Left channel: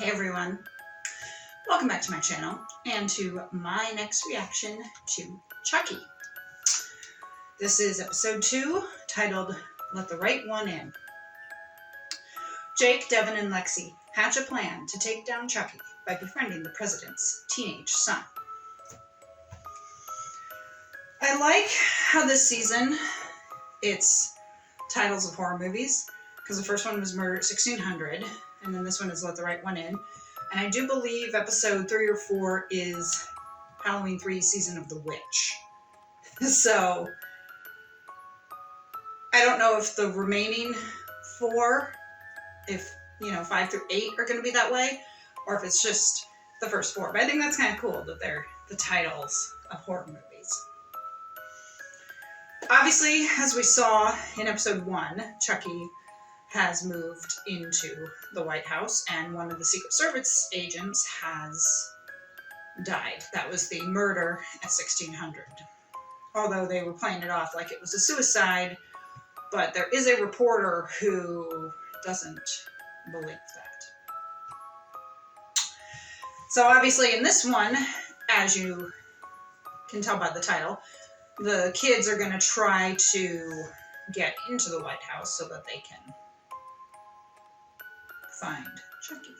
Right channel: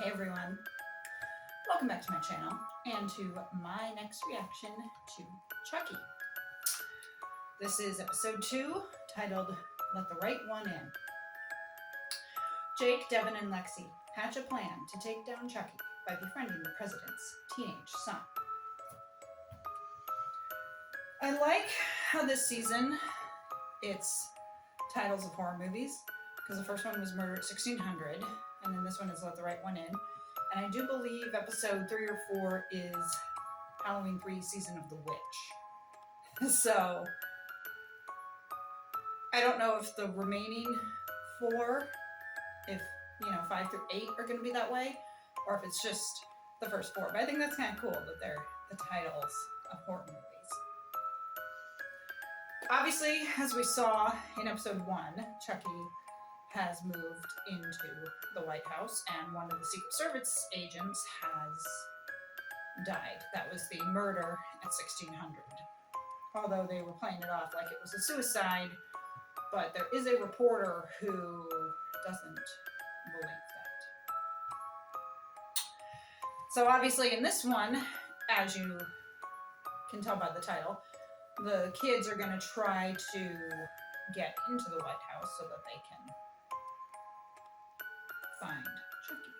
Hey everyone, welcome back to my channel and to my next reaction to Chucky. This is episode 2, titled Let the Right One In. Jake, Devin, and Lexi hatch a plan to take down Chucky by befriending the president's teenage son. I like how this season it's titles of horror movies, because the first one was Murder at 1600, and then this one is Let the Right One In. And I do believe episode 3 or 4 is Halloween 3 Season of the Witch. So, I don't know if the remaining 4, if, 5 through 8 are going to be that way, or if it's just the first 4. But I think that's kind of cool that they're the titles of horror movies. Obviously, as we saw in episode 1, Chucky has moved into the White House, and one of the Secret Service agents has died. That was the murder at 1600. Although they were playing it off like it was a suicide, but there is a reporter who doesn't believe that. So obviously in this one, as you can tell by the title, the kids are going to try to get into the White House so that they can find Chucky.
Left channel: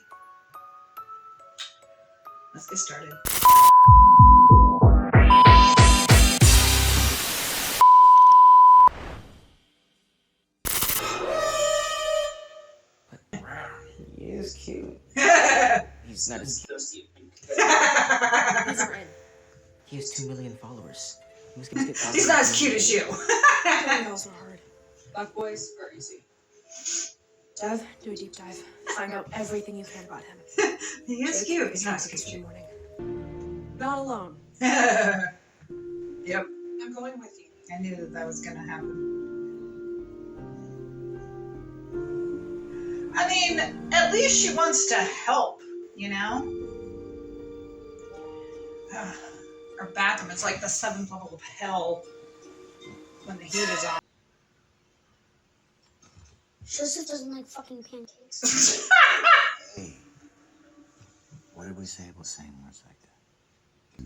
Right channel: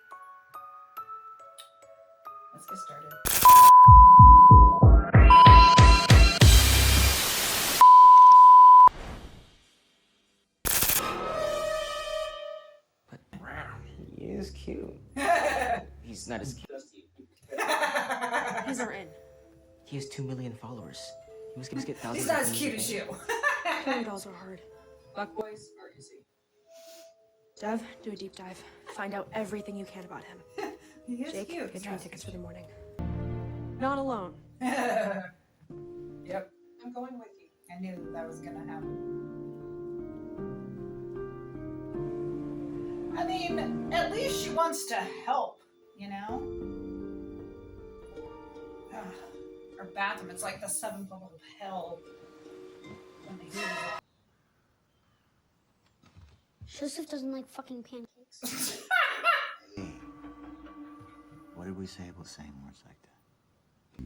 Let's get started. But he is cute. He's not as cute. He's our in. He has 2 million followers. He must get thousands. He's not as cute as you. Calls are hard. Buck boys are easy. Dev, do a deep dive. Find out everything you can about him. He is Jake, cute. get tickets for the morning. Not alone. Yep. I'm going with you. I knew that was gonna happen. I mean, at least she wants to help, Her bathroom is like the 7th level of hell when the heat is on. Joseph doesn't like fucking pancakes. Hey, what did we say about saying words like that?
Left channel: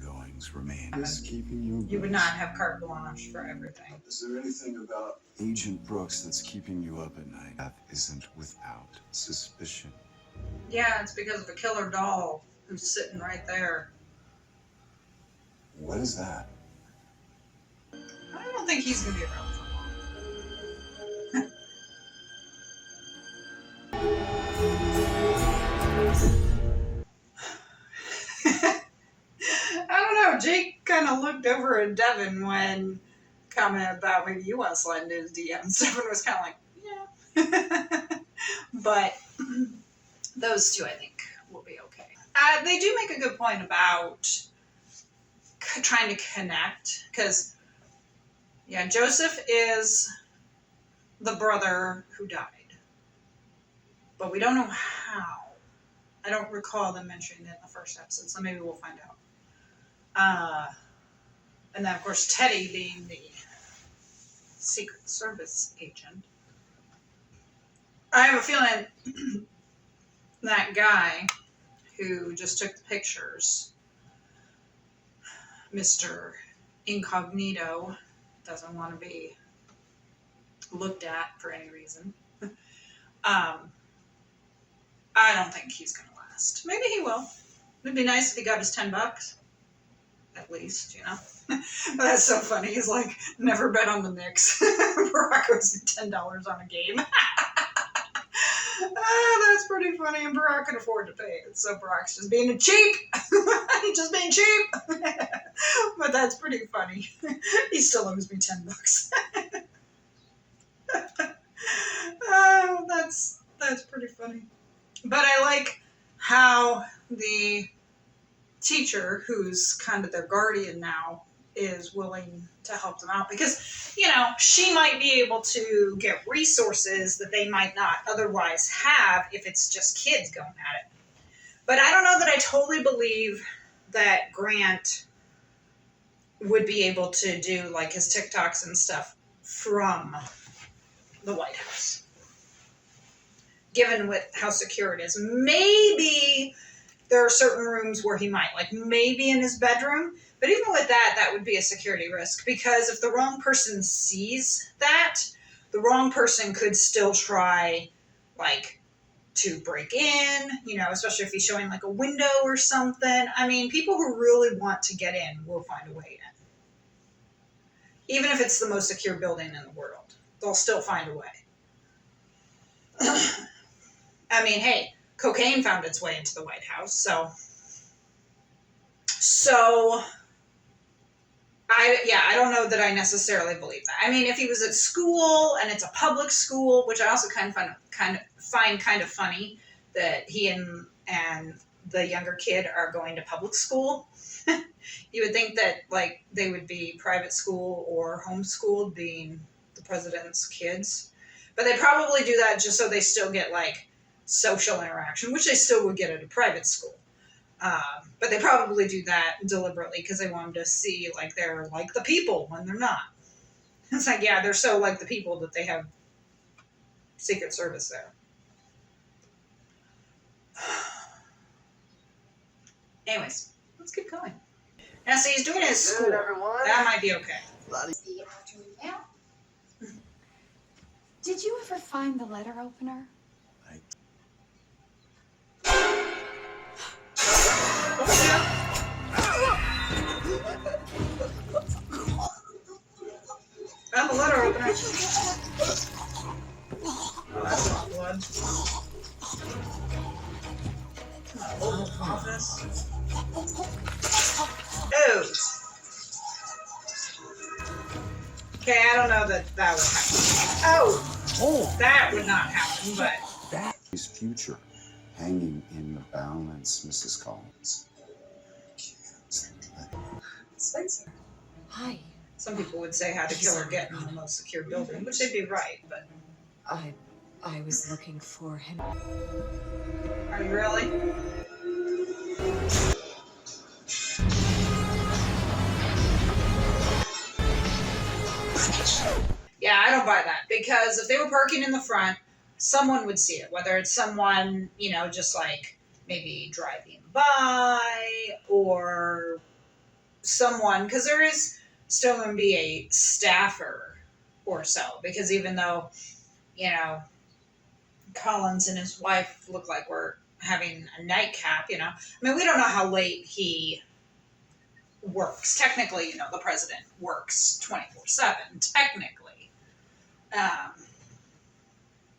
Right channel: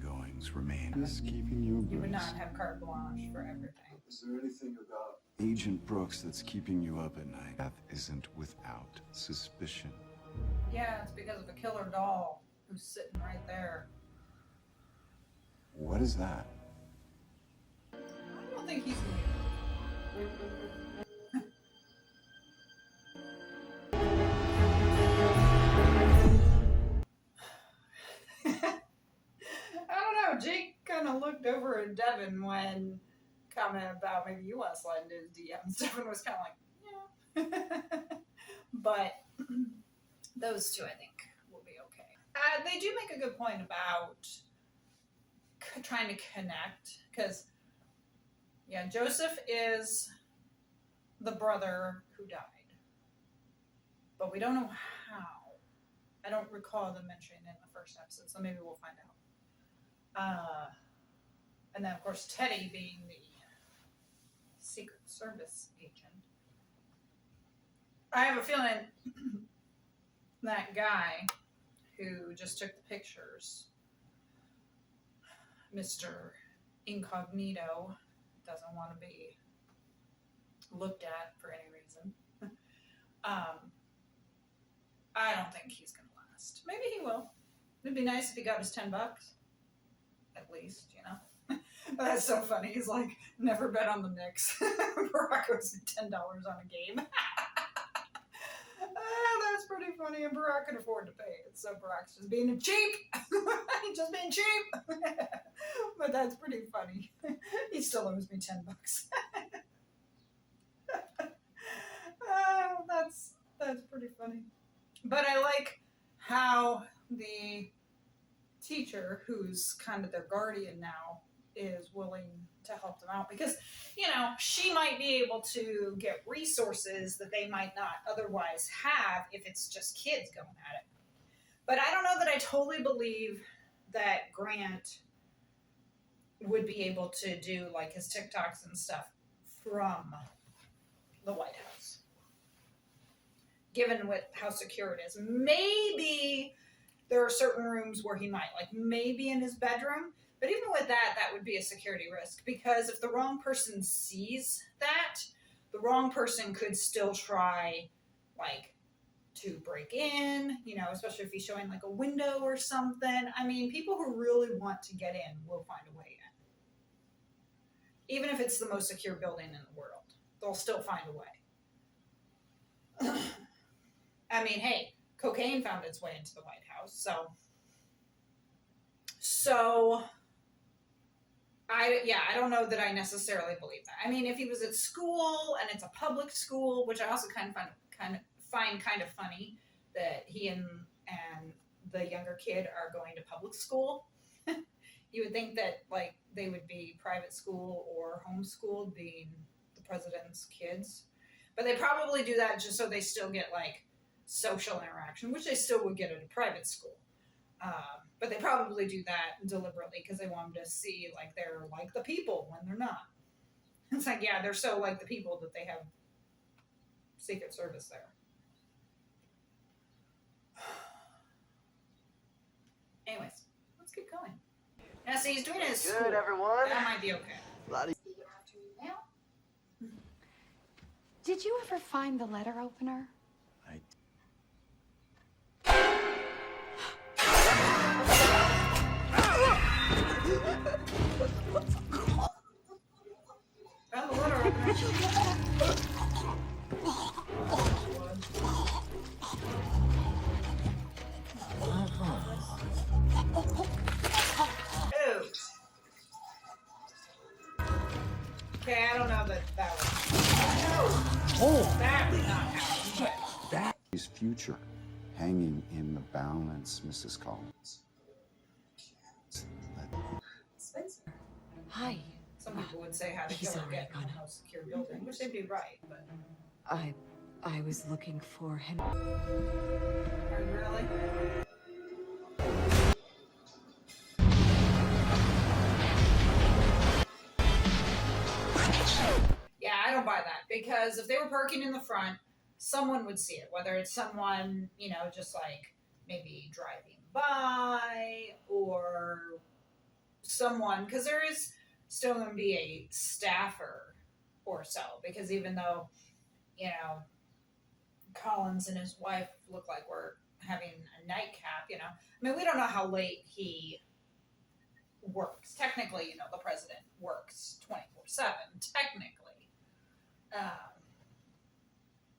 Goings remain. Is keeping you abreast. You would not have carte blanche for everything. Is there anything about Agent Brooks that's keeping you up at night? That isn't without suspicion. Yeah, it's because of a killer doll who's sitting right there. What is that? I don't think he's gonna be around for long. I don't know. Jake kind of looked over at Devin when commented about maybe you want to slide into his DMs. Devin was kind of like, yeah. But those two, I think, will be okay. They do make a good point about trying to connect, because, yeah, Joseph is the brother who died. But we don't know how. I don't recall them mentioning it in the first episode, so maybe we'll find out. And then, of course, Teddy being the Secret Service agent. I have a feeling that guy who just took the pictures, Mr. Incognito, doesn't want to be looked at for any reason. I don't think he's going to last. Maybe he will. It'd be nice if he got his $10. At least, But that's so funny. He's like, never bet on the Knicks. Barack owes me $10 on a game. That's pretty funny, and Barack can afford to pay it. So Barack's just being cheap. He's just being cheap. But that's pretty funny. He still owes me $10. Oh, that's pretty funny. But I like how the teacher, who's kind of their guardian now, is willing to help them out, because, she might be able to get resources that they might not otherwise have if it's just kids going at it. But I don't know that I totally believe that Grant would be able to do like his TikToks and stuff from the White House. given with how secure it is. Maybe there are certain rooms where he might, like maybe in his bedroom. But even with that, that would be a security risk, because if the wrong person sees that, the wrong person could still try, like, to break in, you know, especially if he's showing like a window or something. I mean, people who really want to get in will find a way in. Even if it's the most secure building in the world, they'll still find a way. I mean, hey, cocaine found its way into the White House, so I don't know that I necessarily believe that. I mean, if he was at school and it's a public school, which I also find kind of funny that he and the younger kid are going to public school. You would think that like they would be private school or homeschooled, being the president's kids, but they probably do that just so they still get like social interaction, which they still would get at a private school. But they probably do that deliberately because they want them to see like they're like the people when they're not. It's like, yeah, they're so like the people that they have Secret Service there. Anyways, let's keep going. Now, see, he's doing it at school. Good, everyone. That might be okay. Did you ever find the letter opener? I'm a letter opener. Oh, that's not blood. Oh. Okay, I don't know that would happen. Oh, that would not happen, but... His future hanging in the balance, Mrs. Collins. Spencer. Hi. Some people would say how to kill or get in the most secure building, which they'd be right, but... I was looking for him. Are you really? Yeah, I don't buy that, because if they were parking in the front, someone would see it, whether it's someone, you know, just like maybe driving by, or someone, because there is still going to be a staffer or so, because even though, you know, Collins and his wife look like we're having a nightcap, you know, I mean, we don't know how late he works. Technically, you know, the president works 24/7, technically.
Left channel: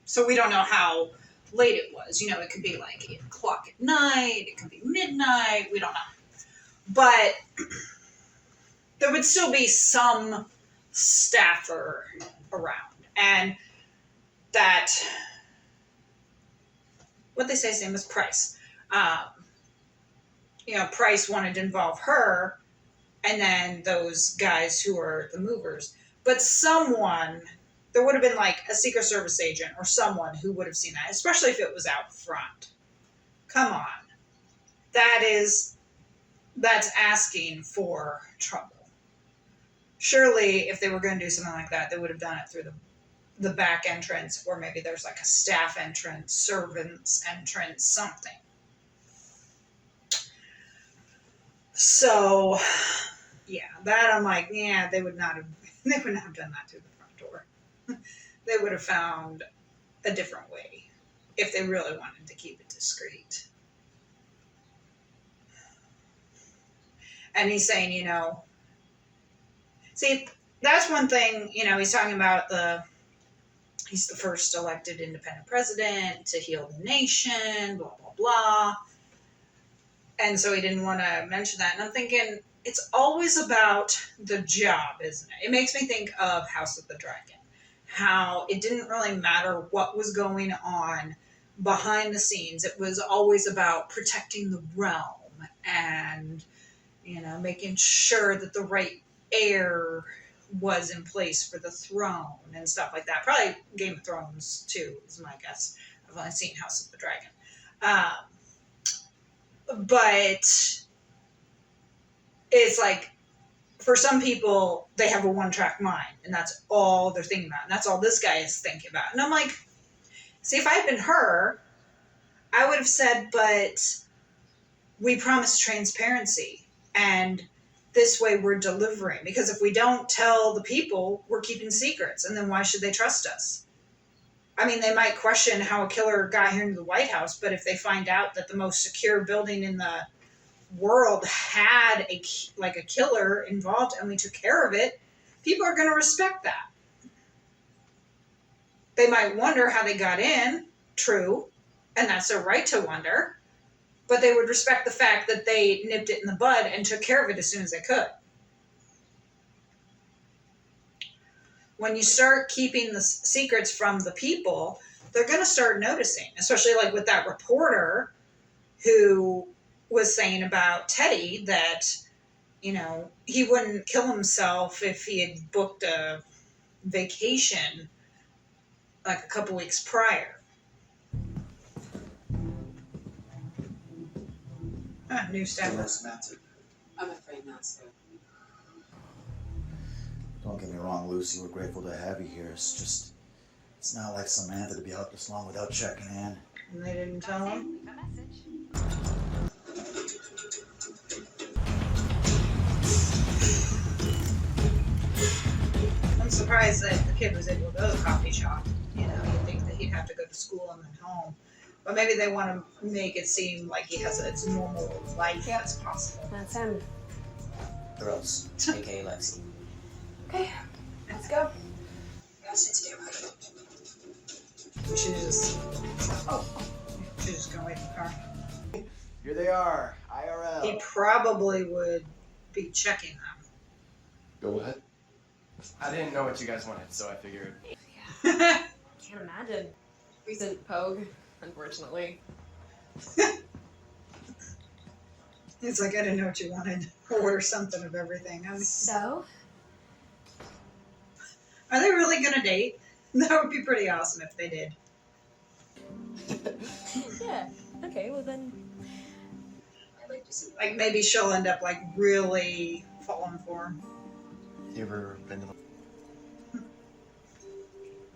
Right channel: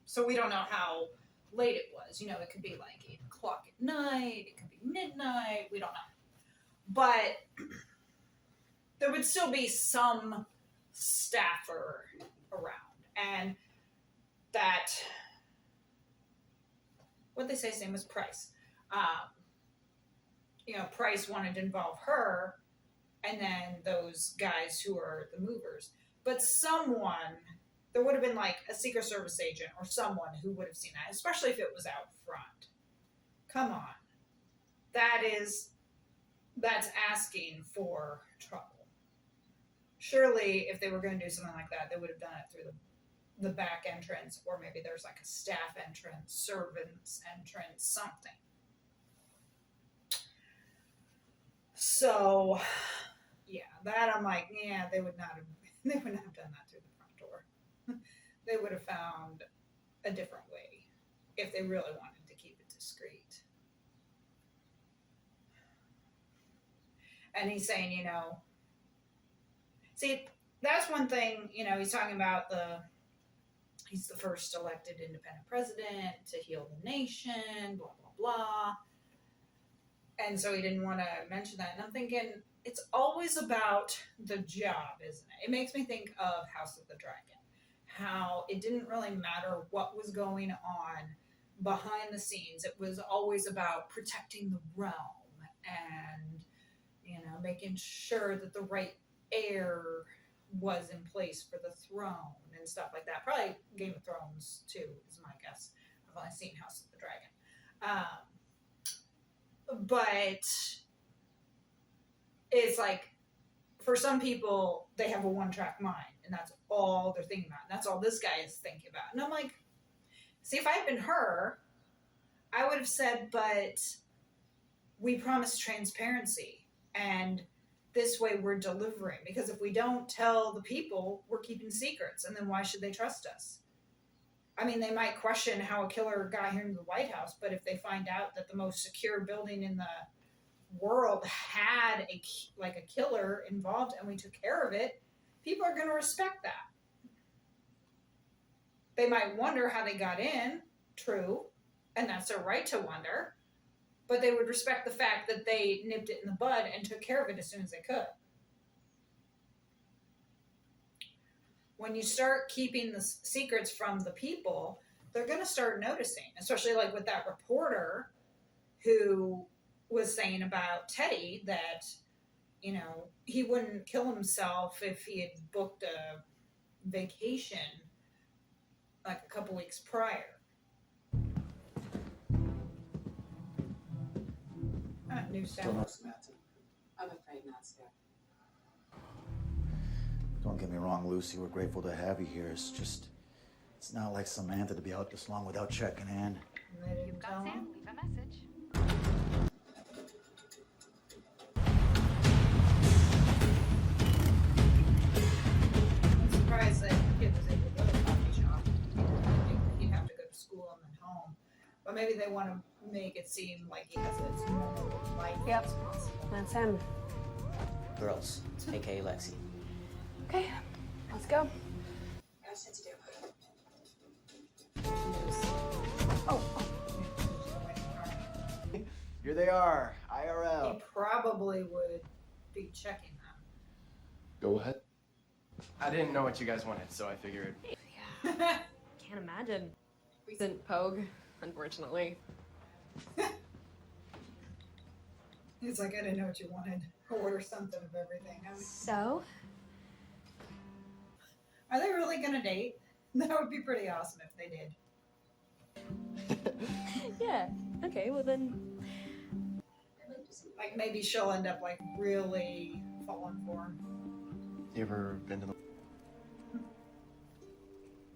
So we don't know how late it was. You know, it could be like 8 o'clock at night, it could be midnight, we don't know. But there would still be some staffer around. And that, what they say his name was Price. You know, Price wanted to involve her, and then those guys who are the movers. But someone, there would have been like a Secret Service agent or someone who would have seen that, especially if it was out front. Come on. That's asking for trouble. Surely, if they were going to do something like that, they would have done it through the back entrance, or maybe there's like a staff entrance, servants entrance, something. So, yeah, that I'm like, yeah, they would not have done that through the front door. They would have found a different way if they really wanted to keep it discreet. And he's saying, you know, see, that's one thing, you know, he's talking about he's the first elected independent president to heal the nation, blah, blah, blah. And so he didn't want to mention that. And I'm thinking, it's always about the job, isn't it? It makes me think of House of the Dragon. How it didn't really matter what was going on behind the scenes. It was always about protecting the realm and, you know, making sure that the right heir was in place for the throne and stuff like that. Probably Game of Thrones, too, is my guess. I've only seen House of the Dragon. But it's like, for some people, they have a one-track mind, and that's all they're thinking about, and that's all this guy is thinking about. And I'm like, See, if I had been her, I would have said, but we promised transparency, and this way we're delivering. Because if we don't tell the people, we're keeping secrets, and then why should they trust us? I mean, they might question how a killer got here into the White House, but if they find out that the most secure building in the world had a killer involved and we took care of it, people are going to respect that. They might wonder how they got in, true, and that's their right to wonder, but they would respect the fact that they nipped it in the bud and took care of it as soon as they could. When you start keeping the secrets from the people, they're going to start noticing, especially like with that reporter who was saying about Teddy that, you know, he wouldn't kill himself if he had booked a vacation like a couple weeks prior. New stuff. I'm afraid not, sir. Don't get me wrong, Lucy. We're grateful to have you here. It's just, it's not like Samantha to be out this long without checking in. And they didn't tell him. Leave a message. I'm surprised that the kid was able to go to the coffee shop. You know, you'd think that he'd have to go to school and then home. But maybe they want to make it seem like he has as normal life as possible. That's him. Girls, aka Lexi. Okay, let's go. We should just, Oh, we should just go wait in the car. Here they are, He IRL. probably would be checking them. Go ahead. I didn't know what you guys wanted, so I figured. can't imagine. Recent Pogue, unfortunately. It's like, I didn't know what you wanted. Order something of everything. I mean, So? are they really going to date? That would be pretty awesome if they did. Yeah. Okay, well then. Like, maybe she'll end up, like, really falling for him. You ever been to the...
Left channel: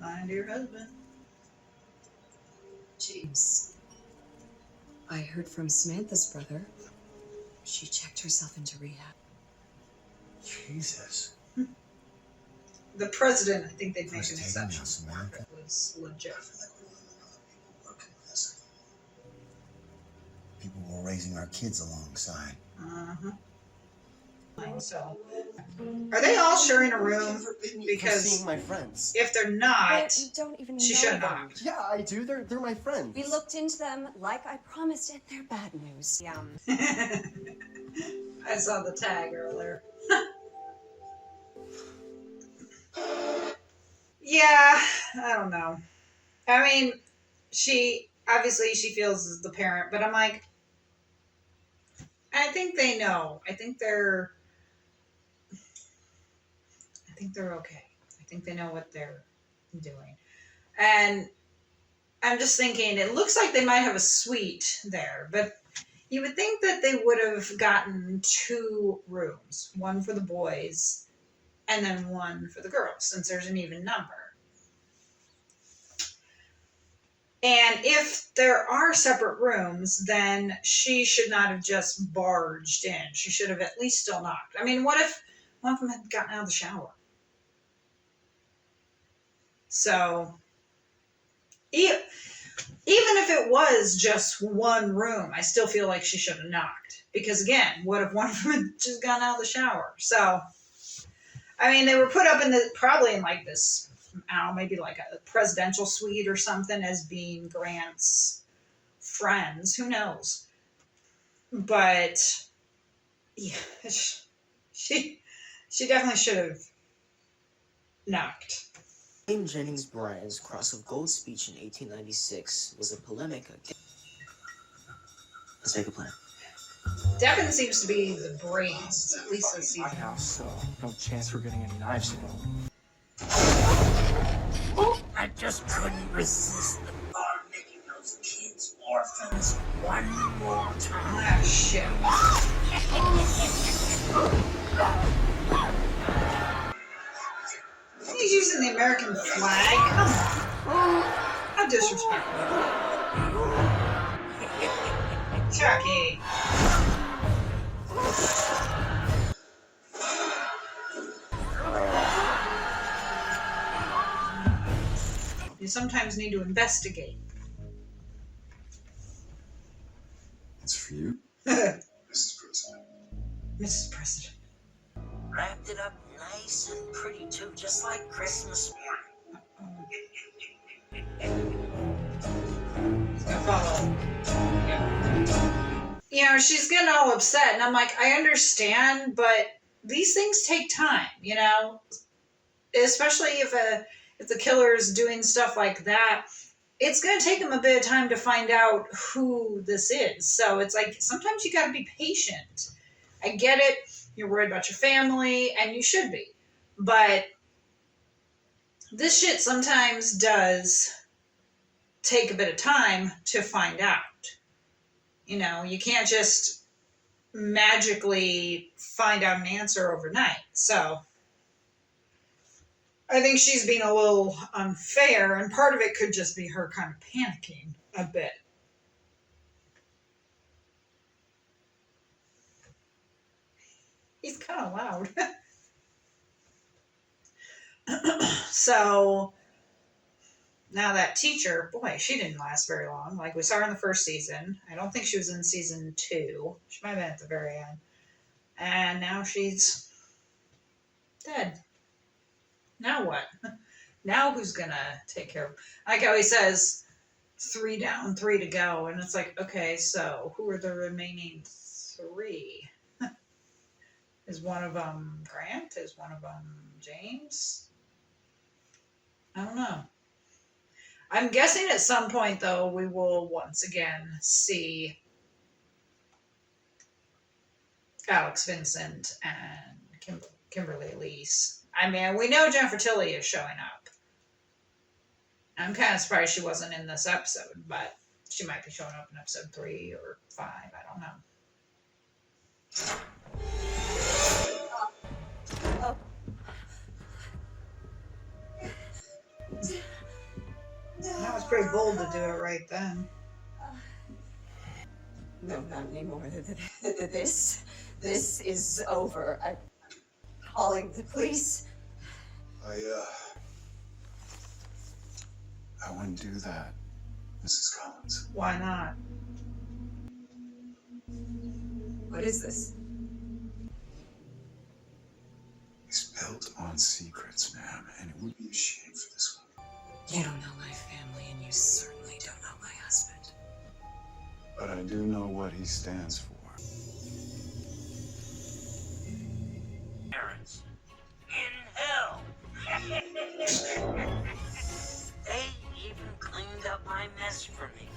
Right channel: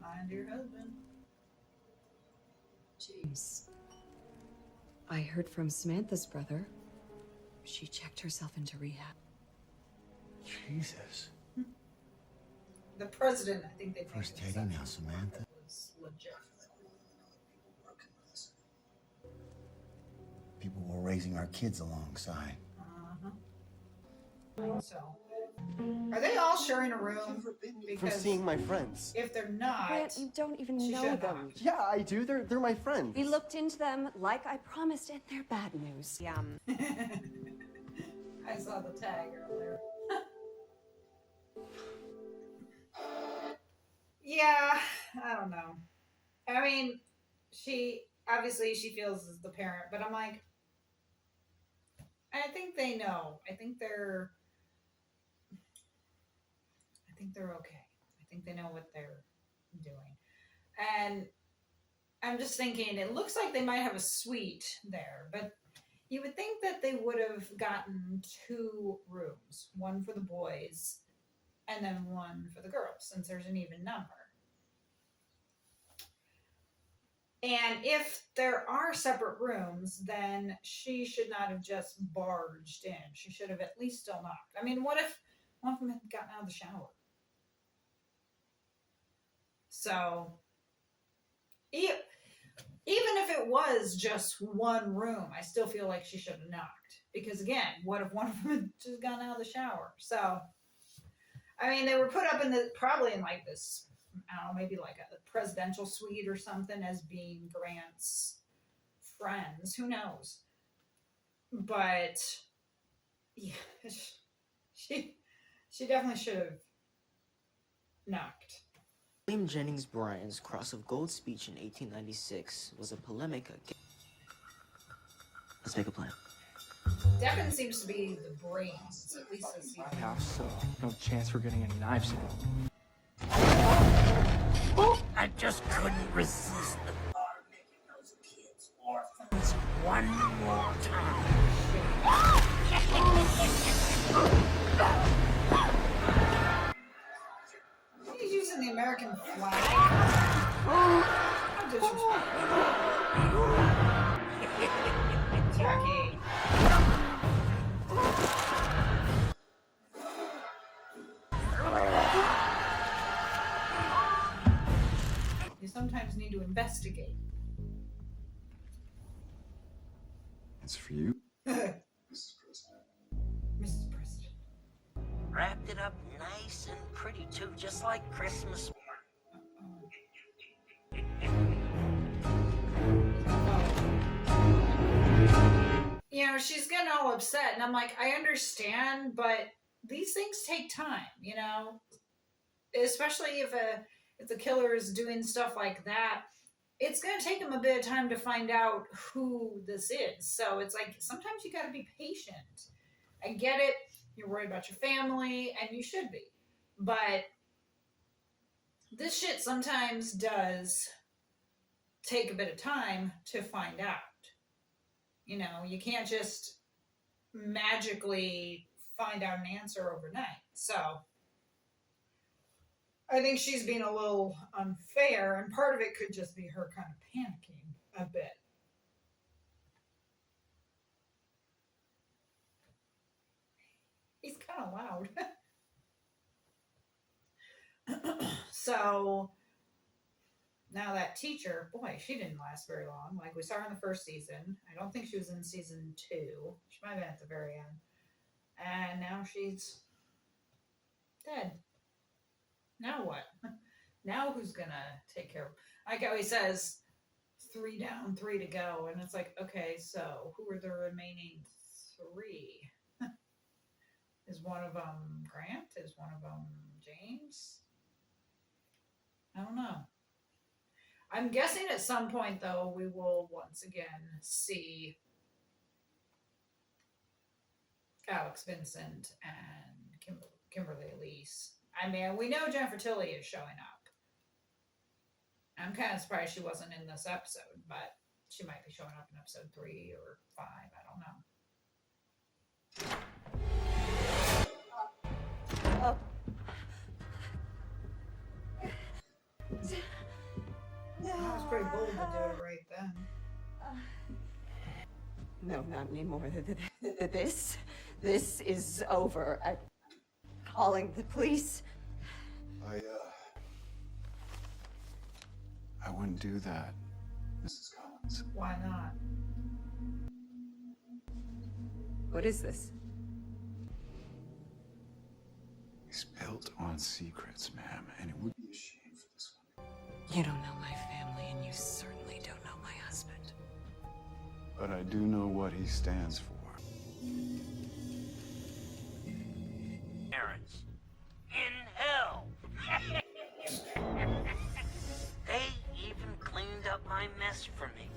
Mind your husband. James, I heard from Samantha's brother. She checked herself into rehab. Jesus. The president, I think they'd make First an taking exception. now, Samantha. Was legit. People were raising our kids alongside. Uh-huh. So, are they all sharing a room? For Because seeing my friends. if they're not, You don't even she know should them. not. Yeah, I do. They're my friends. We looked into them like I promised, and they're bad news. I saw the tag earlier. Yeah, I don't know. I mean, she feels as the parent, but I'm like, I think they know. I think they're okay. I think they know what they're doing. And I'm just thinking, it looks like they might have a suite there, but you would think that they would have gotten 2 rooms, one for the boys and then one for the girls, since there's an even number. And if there are separate rooms, then she should not have just barged in. She should have at least still knocked. I mean, what if one of them had gotten out of the shower? So, even if it was just one room, I still feel like she should have knocked. Because again, what if one of them had just gotten out of the shower? So, I mean, they were put up in probably in like this, I don't know, maybe like a presidential suite or something as being Grant's friends. Who knows? But yeah, she definitely should have knocked. William Jennings Bryan's Cross of Gold speech in 1896 was a polemic against... Let's make a plan. Devin seems to be the brains, at least this My season. house, so no chance we're getting any knives in. I just couldn't resist the thought of making those kids orphans one more time. Oh, shit. He's using the American flag. God not disrespectful. Chucky. You sometimes need to investigate. It's for you. Mrs. President. Mrs. President. Wrapped it up nice and pretty too, just like Christmas You know, she's getting all upset, and I'm like, I understand, but these things take time, you know, especially if the killer is doing stuff like that. It's going to take them a bit of time to find out who this is. So it's like sometimes you got to be patient. I get it. You're worried about your family, and you should be. But this shit sometimes does take a bit of time to find out. You know, you can't just magically find out an answer overnight. So I think she's being a little unfair, and part of it could just be her kind of panicking a bit. He's kind of loud. So now that teacher, boy, she didn't last very long. Like we saw her in the first season. I don't think she was in season 2. She might have been at the very end. And now she's dead. Now what? Now who's gonna take care of him? Like how he says, 3 down, 3 to go. And it's like, okay, so who are the remaining 3? Is one of them Grant? Is one of them James? I don't know. I'm guessing at some point, though, we will once again see Alex Vincent and Kimberly Elise. I mean, we know Jennifer Tilly is showing up. I'm kind of surprised she wasn't in this episode, but she might be showing up in episode 3 or 5. I don't know. That was pretty bold to do it right then. No, not anymore. This is over. I'm calling the police. I wouldn't do that, Mrs. Collins. Why not? What is this? He's built on secrets, ma'am, and it would be a shame for this one. You don't know my family, and you certainly don't know my husband. But I do know what he stands for. parents in hell. They even cleaned up my mess for me.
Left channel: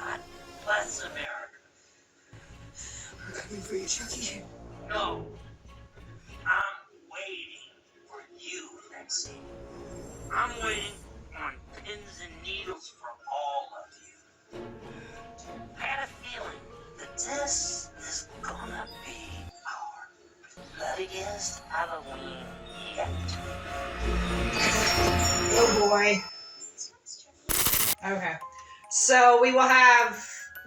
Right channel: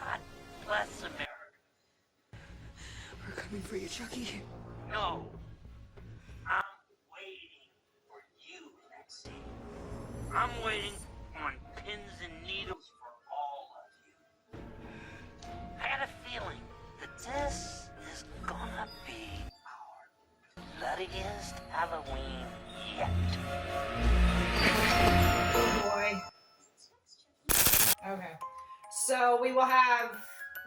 God bless America. We're coming for you, Chucky. No. I'm waiting for you, Lexi. I'm waiting on pins and needles for all of you. I had a feeling that this is gonna be our bloodiest Halloween yet. Oh boy. Okay. So we will have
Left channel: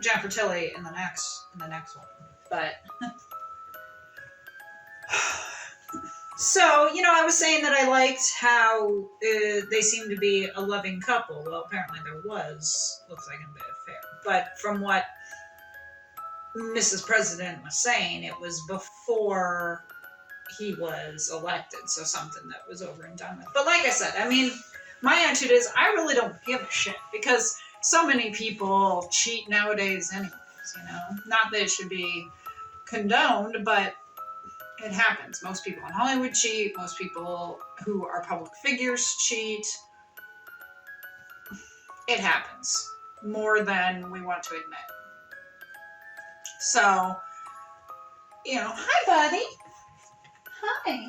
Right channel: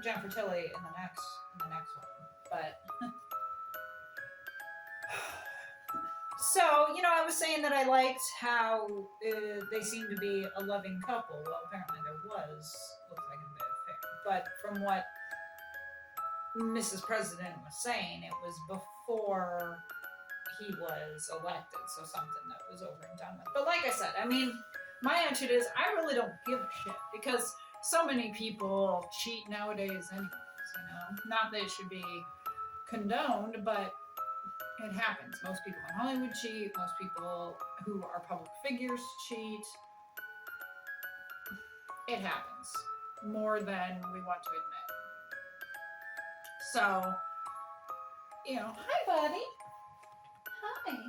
Jennifer Tilly in the next one. But so, I was saying that I liked how they seemed to be a loving couple. Well, apparently there looks like a bit of affair. But from what Mrs. President was saying, it was before he was elected. So something that was over and done with. But like I said, my attitude is I really don't give a shit because so many people cheat nowadays anyways, Not that it should be condoned, but it happens. Most people in Hollywood cheat. Most people who are public figures cheat. It happens more than we want to admit. So, hi, buddy. Hi.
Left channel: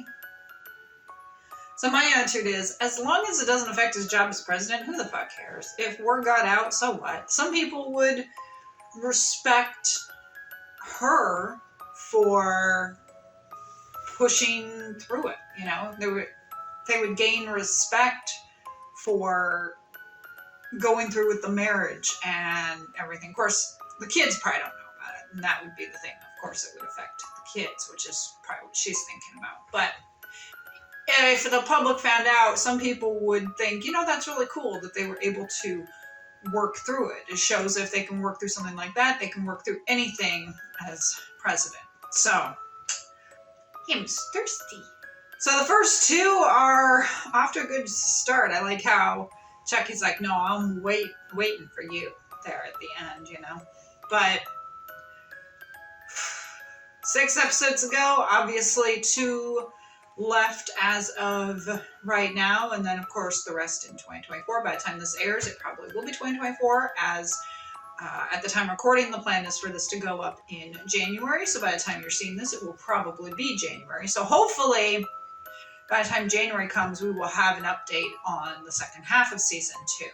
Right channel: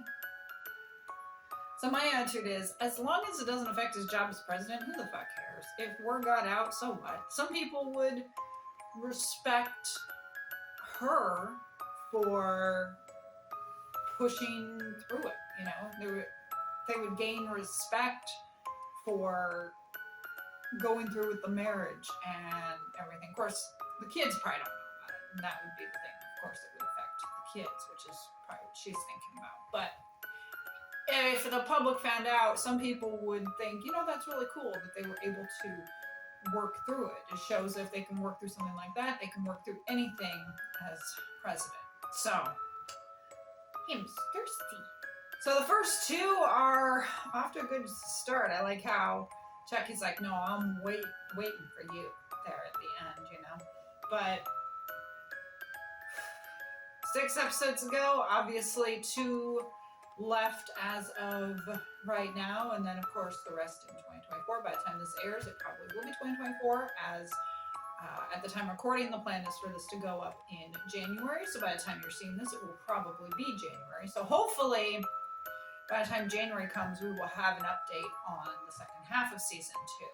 So my attitude is, as long as it doesn't affect his job as president, who the fuck cares? If word got out, so what? Some people would respect her for pushing through it, They would gain respect for going through with the marriage and everything. Of course, the kids probably don't know about it, and that would be the thing. Of course, it would affect the kids, which is probably what she's thinking about. But if the public found out, some people would think, you know, that's really cool that they were able to work through it. It shows if they can work through something like that, they can work through anything as president. So, him's thirsty. So the first two are off to a good start. I like how Chucky's like, no, I'm waiting for you there at the end, you know. But 6 episodes ago, obviously 2 left as of right now, and then of course the rest in 2024. By the time this airs, it probably will be 2024, as at the time recording, the plan is for this to go up in January. So by the time you're seeing this, it will probably be January. So hopefully by the time January comes, we will have an update on the second half of season 2.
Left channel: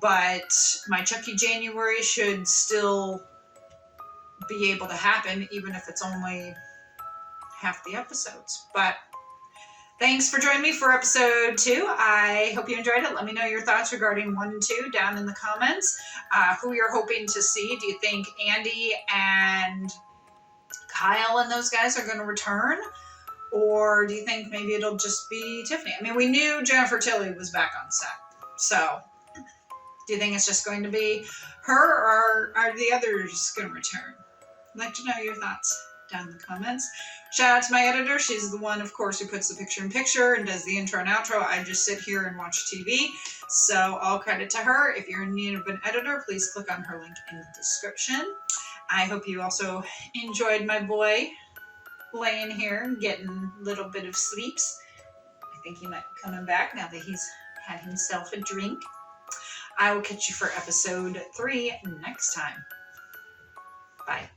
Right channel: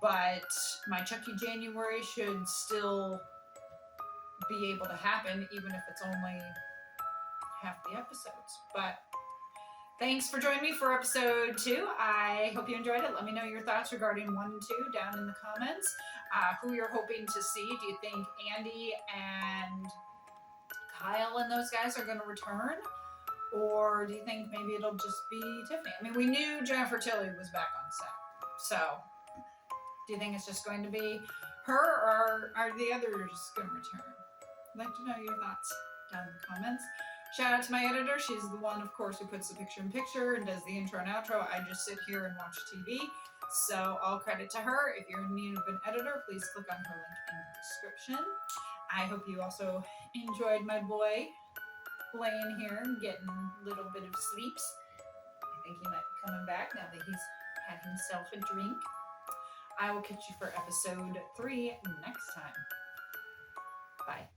But my Chucky January should still be able to happen, even if it's only half the episodes. But thanks for joining me for episode 2. I hope you enjoyed it. Let me know your thoughts regarding 1 and 2 down in the comments. Who you're hoping to see. Do you think Andy and Kyle and those guys are going to return? Or do you think maybe it'll just be Tiffany? I mean, we knew Jennifer Tilly was back on set. So, do you think it's just going to be her, or are the others going to return? I'd like to know your thoughts down in the comments. Shout out to my editor. She's the one, of course, who puts the picture-in-picture and does the intro and outro. I just sit here and watch TV. So, all credit to her. If you're in need of an editor, please click on her link in the description. I hope you also enjoyed my boy laying here and getting a little bit of sleeps. I think he might be coming back now that he's had himself a drink. I will catch you for episode 3 next time. Bye.